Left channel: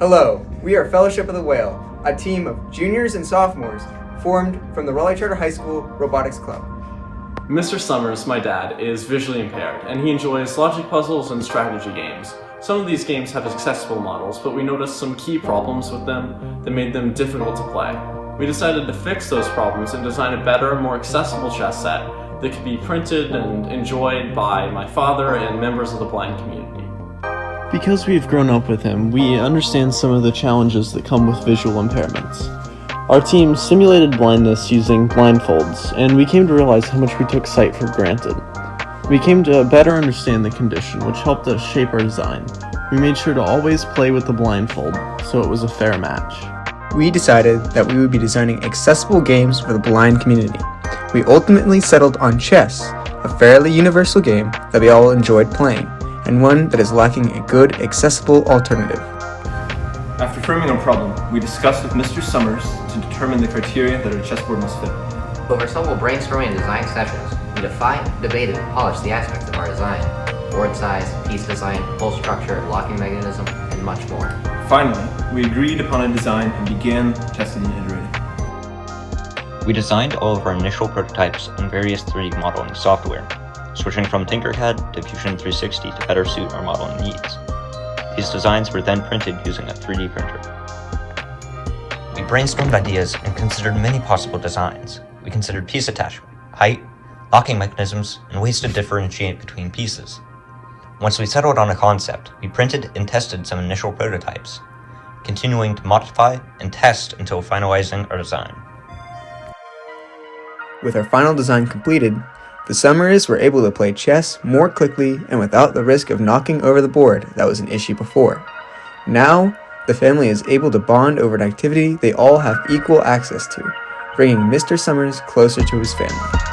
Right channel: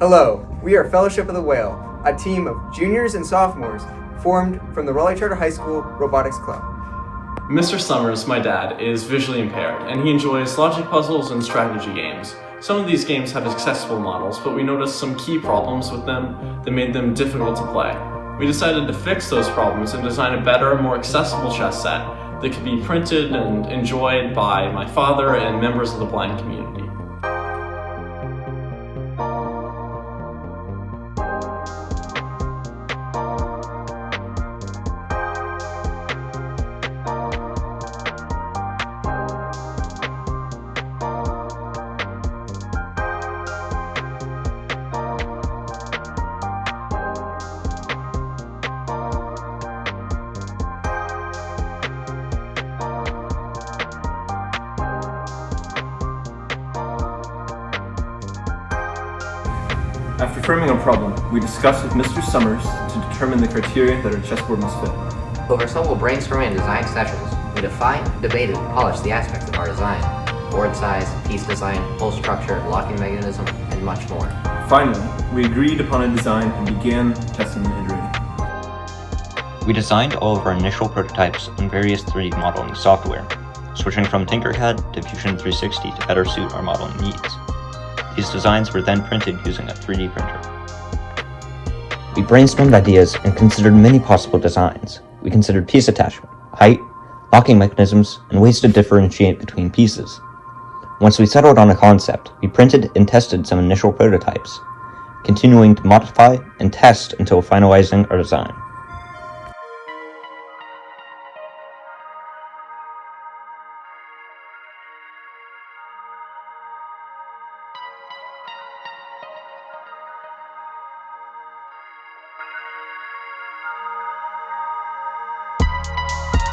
Hello, we are Fellowship of the Whale, a team of juniors and sophomores formed from the Raleigh Charter High School Robotics Club. Mr. Summers, my dad, is visually impaired, and he enjoys logic puzzles and strategy games. Some of these games have accessible models, but we noticed some key problems with them that made them difficult to play. We decided to fix those problems and design a better, more accessible chess set that could be printed and enjoyed by my father and members of the blind community. Because we've grown up with him, we understand some of the challenges that come with visual impairments. Our team simulated blindness using blindfolds, and we came to realize how much we took sight for granted. We came to better understand the condition, which helped us shape our design. We made sure to always play with the blindfold, so it was a fair match. We decided that we would be designing accessible games for the blind community. We ultimately settled on chess, a fairly universal game that we all enjoyed playing, and one that is lacking a good, accessible alternative. After framing our problem, we discussed with Mr. Summers to determine the criteria that our chessboard must fit. Over several brainstorming and design sessions, we defined, debated, and polished the aspects of our design. Board size, piece design, hole structure, locking mechanism, and much more. Finally, we agreed upon a design and began testing and iterating. We designed all of our initial prototypes on various 3D modeling software, switching from Tinkercad to Fusion 360 to better suit our modeling needs. These designs were then printed using a 3D printer. We brainstormed ideas and considered many possible designs. We considered piece attachment, height, locking mechanisms, and ways to differentiate between pieces. Once we settled on a concept, we printed and tested some initial prototypes, continuing to modify and test until finalizing our design. With our final design completed, the Summers were able to play chess more quickly and without the risk of knocking over the board that was an issue before. Now, the family is able to bond over an activity they all have equal access to, bringing Mr. Summers closer to his family.